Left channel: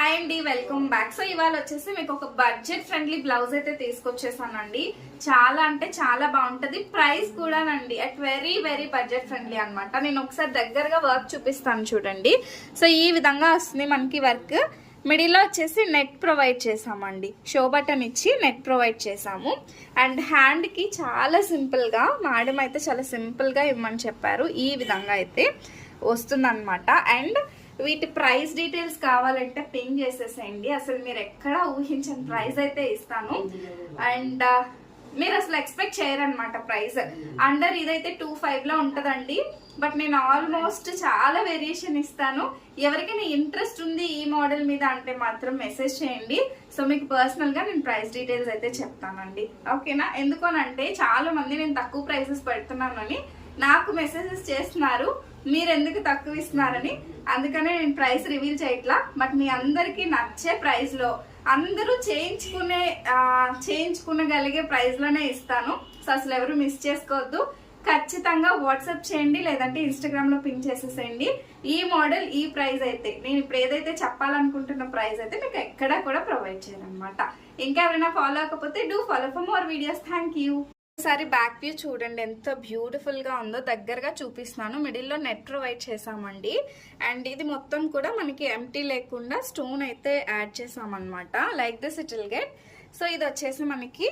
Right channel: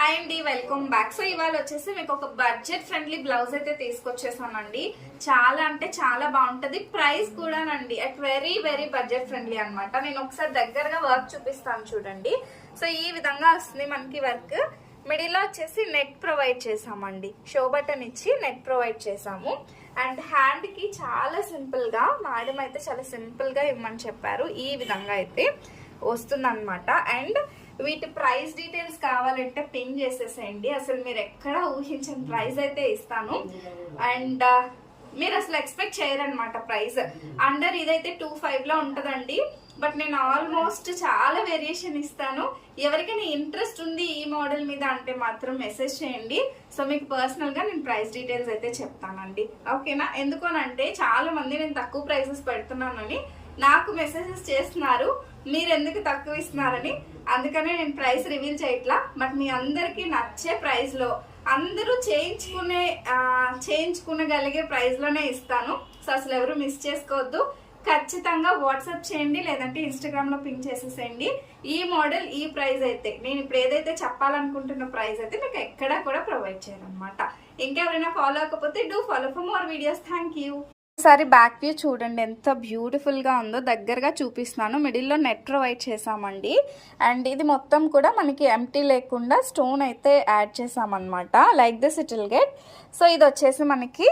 Hi అండి, welcome back. So ఇవాళ వచ్చేసి మీకు ఒక బడ్జెట్ ఫ్రెండ్లీ బ్లౌజ్ అయితే తీసుకొచ్చేసానండి. చాలా అంటే చాలా బాగుంటది. ప్రైస్ కూడానండి at very very budget friendly అనమాట. నేను ఒకసారి దగ్గరగా వర్క్ చూపిస్తాను చూడండి. సో ఈ విధంగా వస్తుంది మనకి వర్క్. మిడిల్లో వచ్చేసి నెట్ ప్రొవైడ్ చేసామండి. షో బటన్ ఇచ్చి నెట్ ప్రొవైడ్ చేసాము. అండ్ హ్యాండ్కి చాలా సింపుల్గా మేడం అయితే చాలా సింపుల్గా ఇవ్వమని చెప్పారు. ఈ విధంగా అయితే వస్తుందన్నమాట. అండ్ వీటి ప్రైస్ డీటెయిల్స్ కావాలంటే పింగ్ చేసేసేయండి. అసలు మీరు ఎక్కడ ఊహించని ప్రైస్ అయితే ఇస్తాను. అండ్ మీరు అసలు ఎక్స్పెక్ట్ చేయరనమాట ప్రైస్. అండర్ ఇదైతే 2.5 లో ఉంటుందండి. బట్ నేను ఆల్మోస్ట్ చాలా వేరియేషన్ ఇస్తాను. ఎవరికైనా ఇంట్రెస్ట్ ఉంది ఈ మోడల్ మీద అంటే మాత్రం మెసేజ్ చేయండి. సో మీకు పర్సనల్ గా నేను ప్రైస్ డీటెయిల్స్ అయితే చెప్తానండి. ఓకేనా? ఎందుకోనంటే చాలా మంది నేను తక్కువ ప్రైసెస్ పెడుతున్నాను అని నాకు మెసేజెస్ చేస్తున్నారు. మీరు ఎందుకు తక్కువ ఇస్తున్నారని. అందుకనే నేను ప్రైస్ రివీల్ చేయట్లా. బట్ మీ అందరికి నచ్చే ప్రైస్ లో అందరూ చేయించుకునగలిగే ప్రైస్ లోనే ఇస్తాను. సో అసలు ఎవరు మిస్ చేసుకోవద్దు. ఖచ్చితంగా వాట్సాప్ చేయండి, లేదంటే ఇన్స్టాగ్రామ్ లో పింక్ చేసేసేయండి. ఈ మోడల్ ఈ ప్రైస్ అయితే నేను ఇప్పుడు ఏదైతే చెప్పాలనుకుంటున్న ప్రైస్ అయితే మీకు ఎక్కడా కూడా ప్రొవైడ్ చేయను అనమాట. ఇంకా ఎవరైనా ఫాలో అవ్వకపోతే do follow for more videos. Thank you. ఒకసారి బ్యాక్ వ్యూ చూడండి ఎంత బ్యూటిఫుల్ గా ఉందో. దగ్గరగా చూపిస్తున్నాను. మిడిల్లో నెట్ ప్రొవైడ్ చేసామండి. అండ్ ఇది మొత్తం కూడా మనకి ఎంటీ లేకుండా స్టోన్ అయితే యాడ్ చేసామన్నమాట. Like this it will get. So ఇది వచ్చేసి మనకి